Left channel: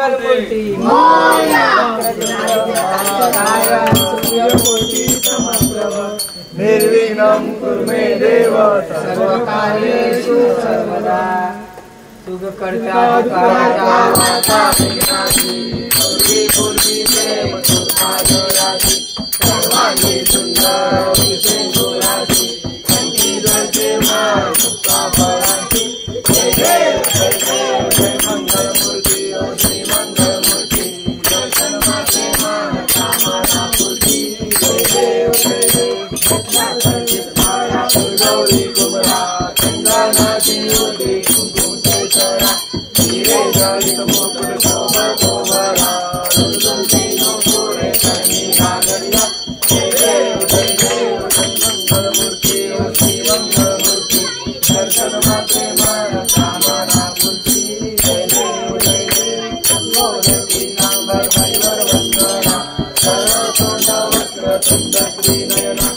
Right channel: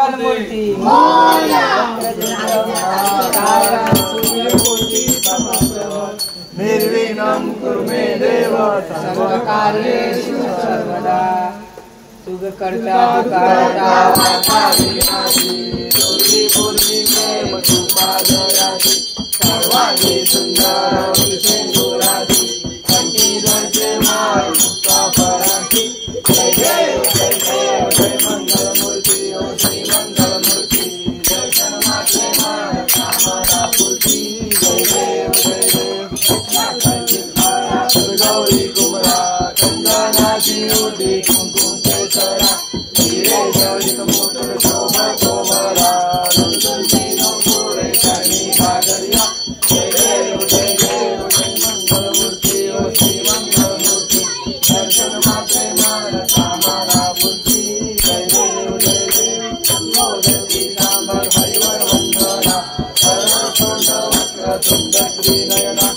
मूर्ती निर्विघ्नं कुरु मे देव सर्वकार्येषु सर्वदा सुखकर्ता दुःखहर्ता वार्ता विनाशी पूर्वी पूर्वी देव सुखादयासी सर्वांगी सुंदर विशेषोरासी कंठीधरते माय मुक्तापरांती जय देव जय देव जय मंगलमूर्ती ओ श्री मंगलमूर्ती दर्शन मात्रे मान कामना पूर्ती जय देव जय देव गौरी कुमरा चंदनाची उदी कुमकुम केसरा हीरे जड़ित मुकुट शोभा शोभरा रुदुलती नूपुरे कनी नागरिया जय देव मंगलमूर्ति ओ श्री मंगलमूर्ति दर्शन मात्रे मान कामना पूर्ति जय देव संबोधती नांबर हरिवर वंदना शरण तुंड वक्र तुंड त्रिनयना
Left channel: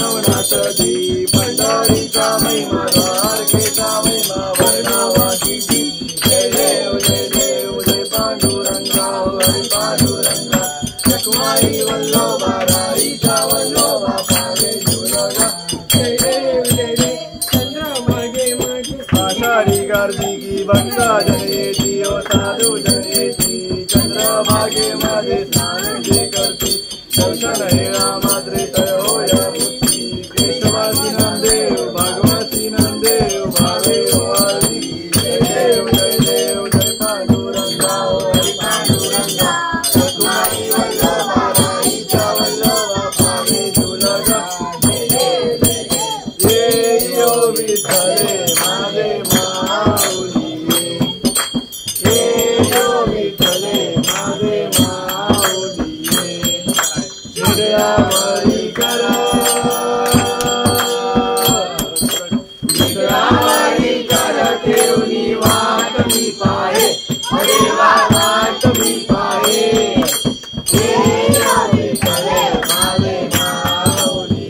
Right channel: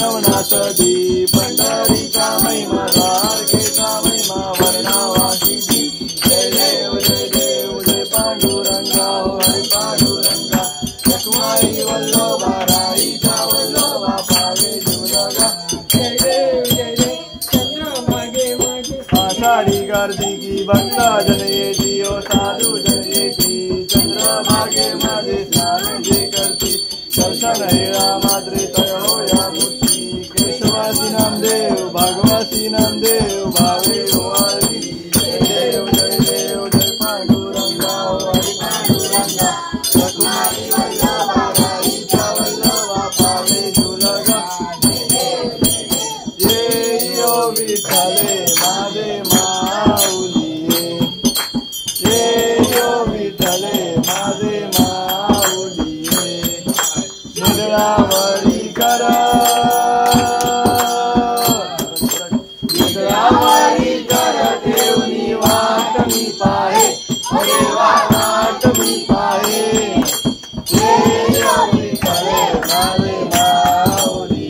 नवनाथ दी पंढरीचा महिमा द्वारकेचा महिमा वर्णावासी जय देव जय पांडुरंगा हरे पांडुरंगा लक्ष्माई वल्लभा राईचा वल्लभा पावे जुलगा जय देव चंद्रभागे माझे आषाढी कार्तिकी भक्त जनेची ओ साधू जनेची चंद्रभागे माझे स्नान जे करती दर्शन हे रामाद्रे तयो या मुक्ती केशवासी नामदेव भागवती नामदेव भावे वारी जय देव जय पांडुरंगा हरी पांडुरंगा लक्ष्माई वल्लभा राईचा वल्लभा पावे जुलगा जय यो विठ्ठले माझे माऊली जय यो विठ्ठले माझे माऊली विद्रावरी कर विद्रावरी कर ठेवणी वाट मी पाहे देवा वाट मी पाहे जय यो विठ्ठले माझे माऊली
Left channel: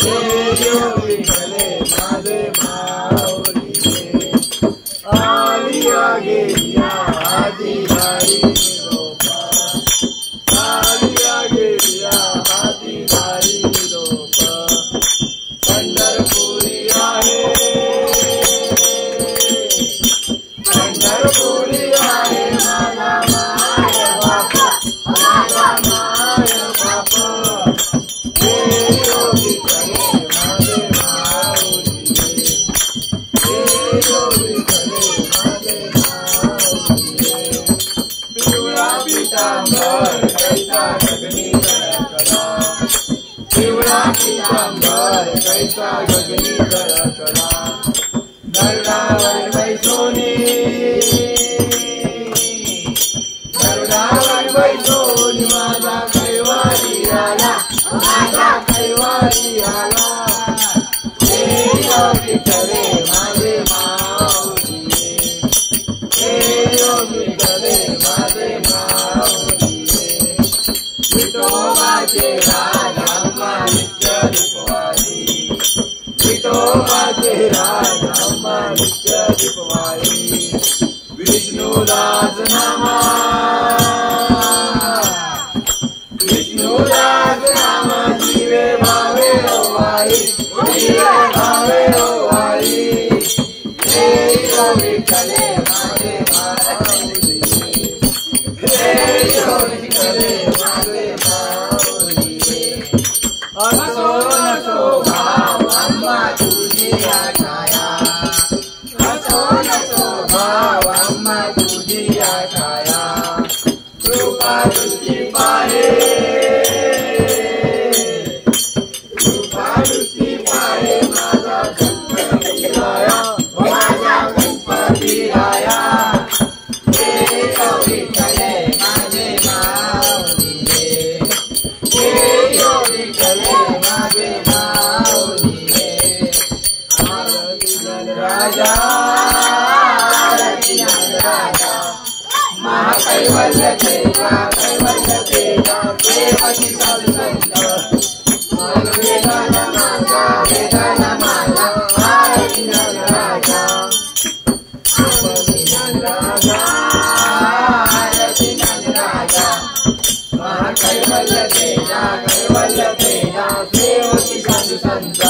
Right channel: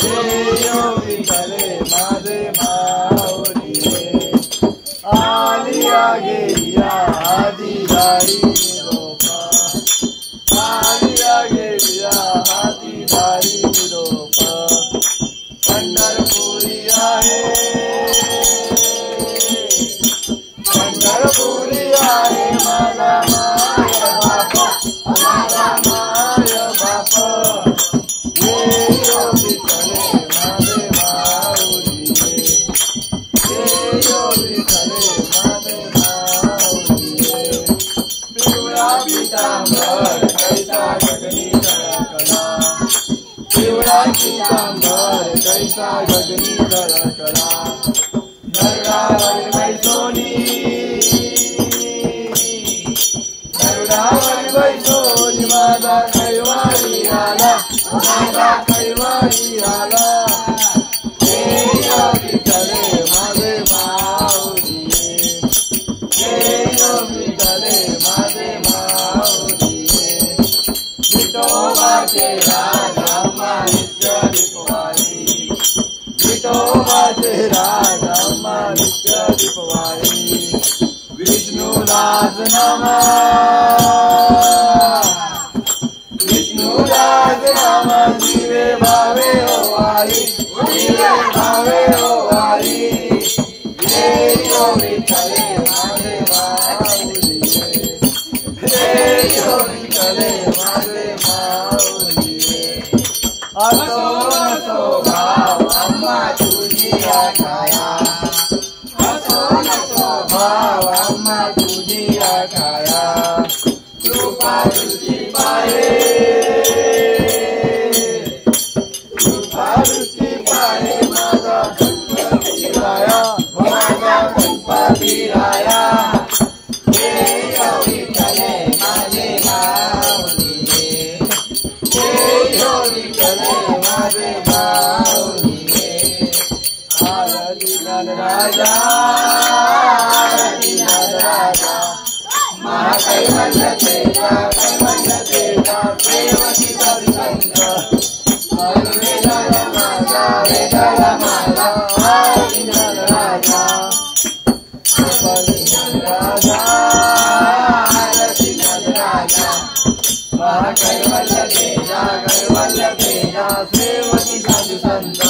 जय यो विठ्ठले माझे माऊली आली आगे या आधी दारी रोपा आली आगे या आधी दारी रोपा पंढरपुरी आहे पंढरपुरी आहे माझा माय बापा माझा माय बापा जय यो विठ्ठले माझे माऊली जय यो विठ्ठले माझे माऊली पिवळा पितांबर कैसा गगनी कला पिवळा पितांबर कैसा गगनी कला दरडावर बैसोनी दरडावर बैसोनी माझा कैवारी आला माझा कैवारी आला जय यो विठ्ठले माझे माऊली जय यो विठ्ठले माझे माऊली विठोबाचे राज अम्मा नित्य दीपवाळी विठोबाचे राज अम्मा नित्य दीपवाळी विष्णुदास नामा विष्णुदास नामा जीवे भावे ओवाळी जीवे भावे ओवाळी जय यो विठ्ठले माझे माऊली जय यो विठ्ठले माझे माऊली असो नसो भाव अम्मा तुझी छाया असो नसो भाव अम्मा तुझी छाया कृपा तुझी पाहे कृपा तुझी पाहे माझा गणपती राया माझा गणपती राया जय यो विठ्ठले माझे माऊली जय यो विठ्ठले माझे माऊली आरती राजा आरती राजा महाकैवल्य तेजा कैवल्य तेजा देवकी सत्संग वेदाला माझा वेदाला माझा आरती राजा आरती राजा आरती राजा महाकैवल्य तेजा कैवल्य तेजा देवकी सत्संग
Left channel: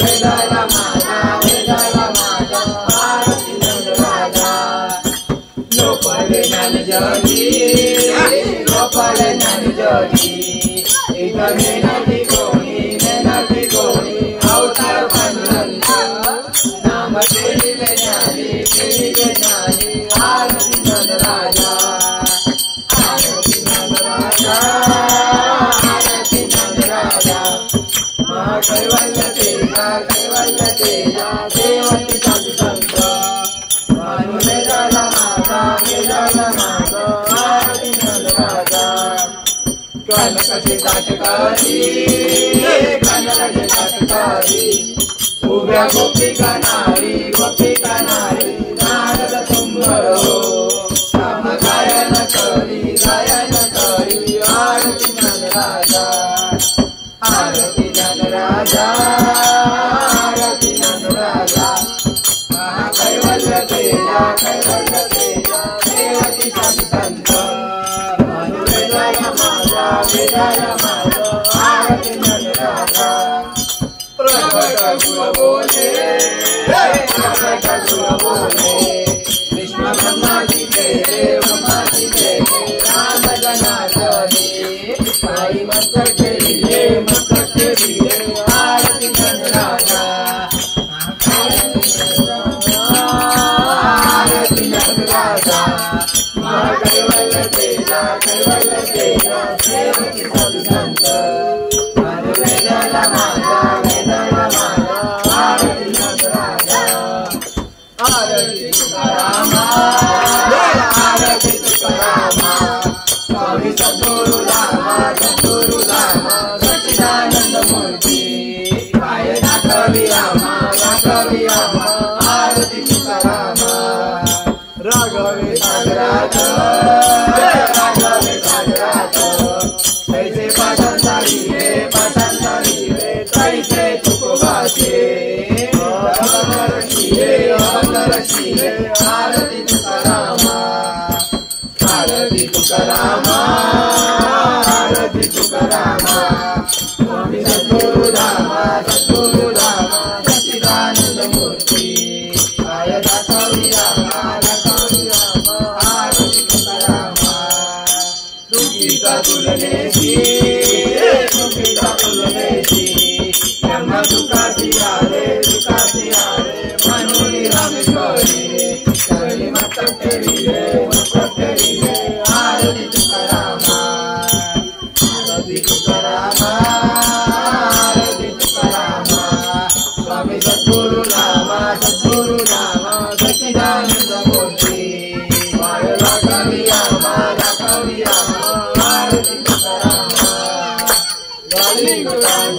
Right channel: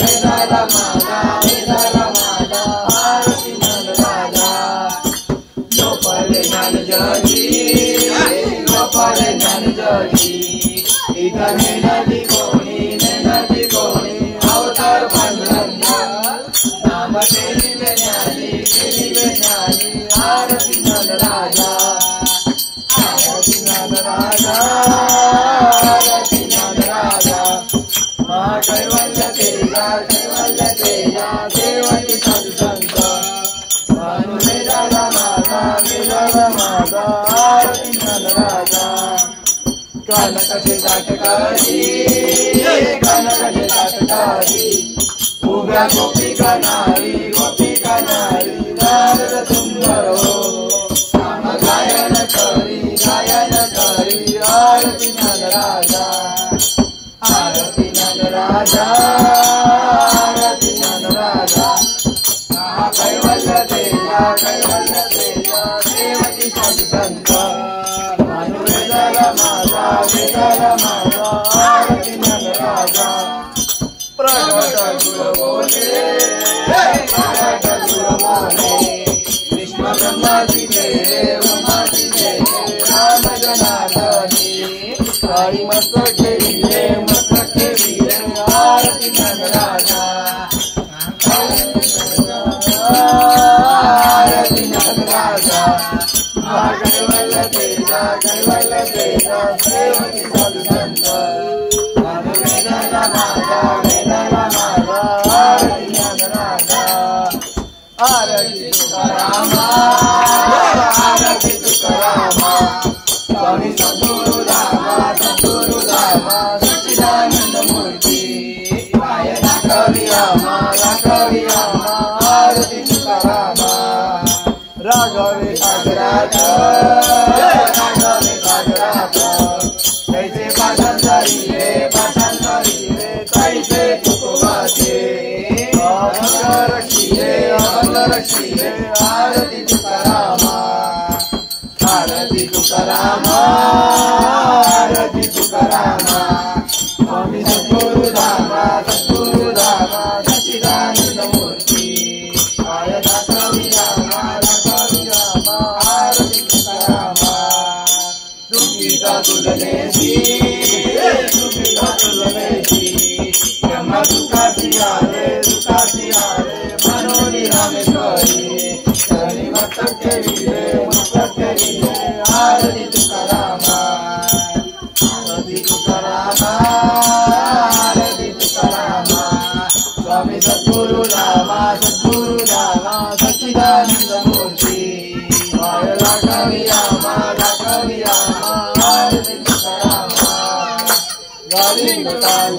वेदाला माझा आरती राजा लोपाले ज्ञान जगी लोपाले ज्ञान जगी इथं मेहनती कोणी अवतार पांडुरंग नाम केली ज्ञानी आरती राजा आरती राजा आरती राजा कैवल्य तेजा देवकी सत्संग वेदाला माझा आरती राजा कनकाचे ताटकारी उभ्या गोपिका नारी नारद सुंदर हो राम गायन करी आरती राजा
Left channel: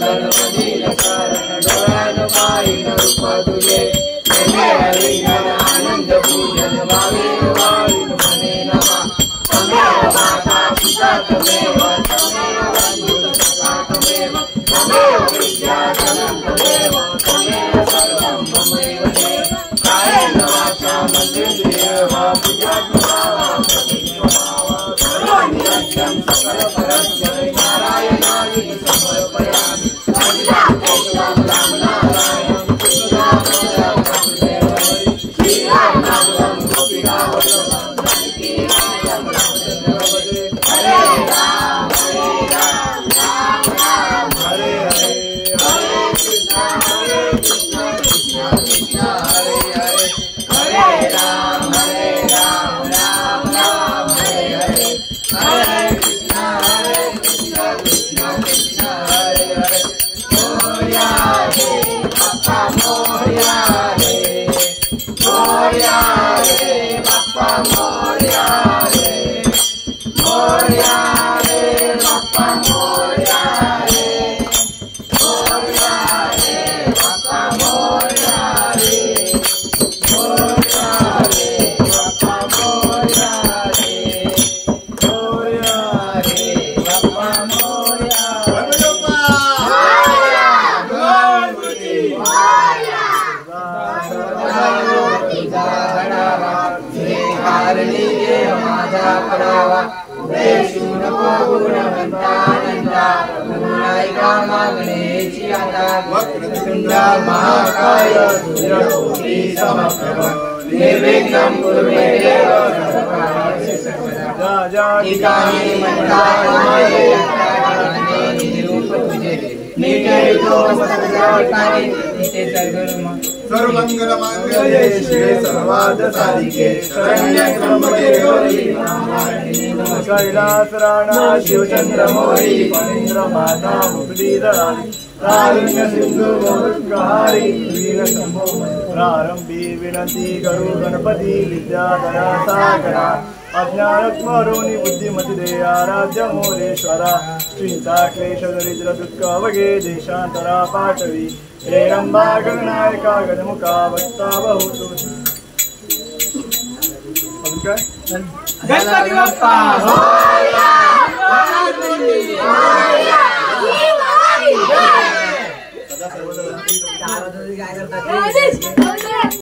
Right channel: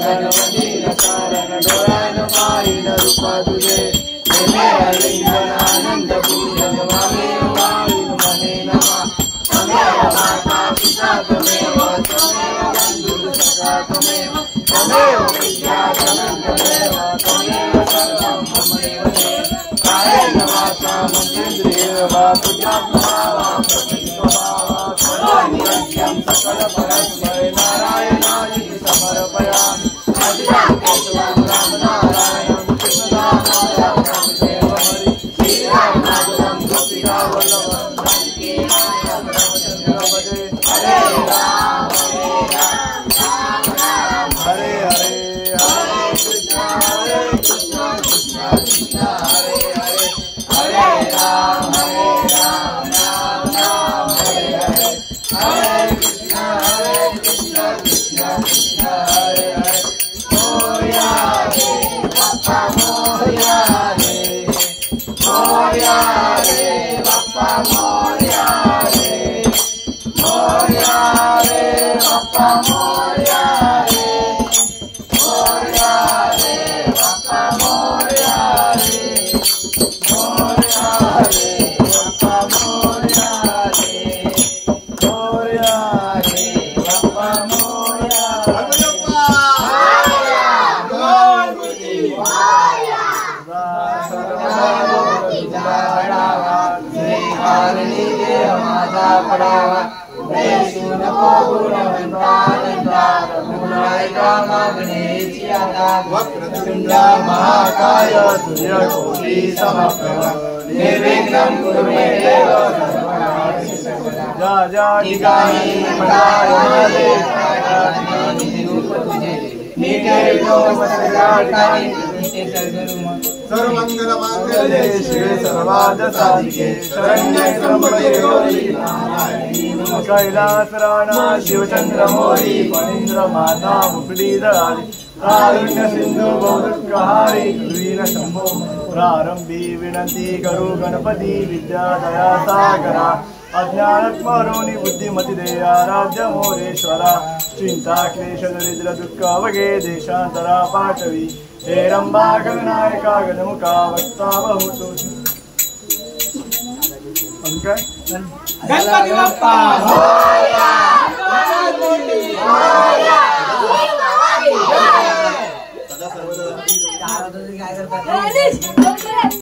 गणपतीन कारण डोळ्यान पाहिन रूप तुझे प्रेमे हरिहर आनंद पूजन भावेन वाळून मने नमा त्वमेव माता पिता त्वमेव त्वमेव बंधु सखा त्वमेव त्वमेव विद्या धनं त्वमेव त्वमेव सर्वं ममैव ते कायेन वाचा मनेन्द्रियर्वा पूजात्मा करोमि यज्ञं सकलपरस्य नारायणाय समर्पयामि सच्चिदानन्दं केशवं रामनारायणं कृष्णनामोदं वासुदेव हरे श्रीरामनाथं गोपीनाथं वल्लीनाथं हरे राम राम राम हरे हरे हरे कृष्ण कृष्ण कृष्ण हरे हरे हरे राम राम राम हरे हरे हरे कृष्ण कृष्ण कृष्ण हरे हरे मोरया रे बाप्पा मोरया रे मोरया रे बाप्पा मोरया रे मोरया रे बाप्पा मोरया रे मोरया रे बाप्पा मोरया रे मोरया रे बाप्पा मोरया रे मोरया रे बाप्पा मोरया माझा पडावा प्रयशून गुणवंतानंदा प्रभुनायका मागणेची आता वक्रतुंडा महाकाय सूर्यकोटी समप्रभ निर्विघ्नं कुरु मे देव सर्वकार्येषु सर्वदा ठिकाणी मंत्रालये निरूप तुझे नीते सदाचारी नीते सद्गुरु सर्वमंगल मांगल्ये शिवे सर्वार्थ साधिके शरण्ये त्र्यंबके गौरी नारायणी नमस्ते कैलासराणा शिवचंद्र मोरी महेंद्र माता मुकुडीधरारी कारुण्य सिंधु भवत्कहारी वीर शंभो प्रारंभी विनंती करू गणपती विद्या दया सागरा अज्ञानत्मरुणी बुद्धिमती दे आराध्य मोरेश्वरा चिंता क्लेश दरिद्र दुःख अवघे देशांतरा पाठवी हे रंबा गणनायका गणमुखा वक्ता बहुतु गणपती बाप्पा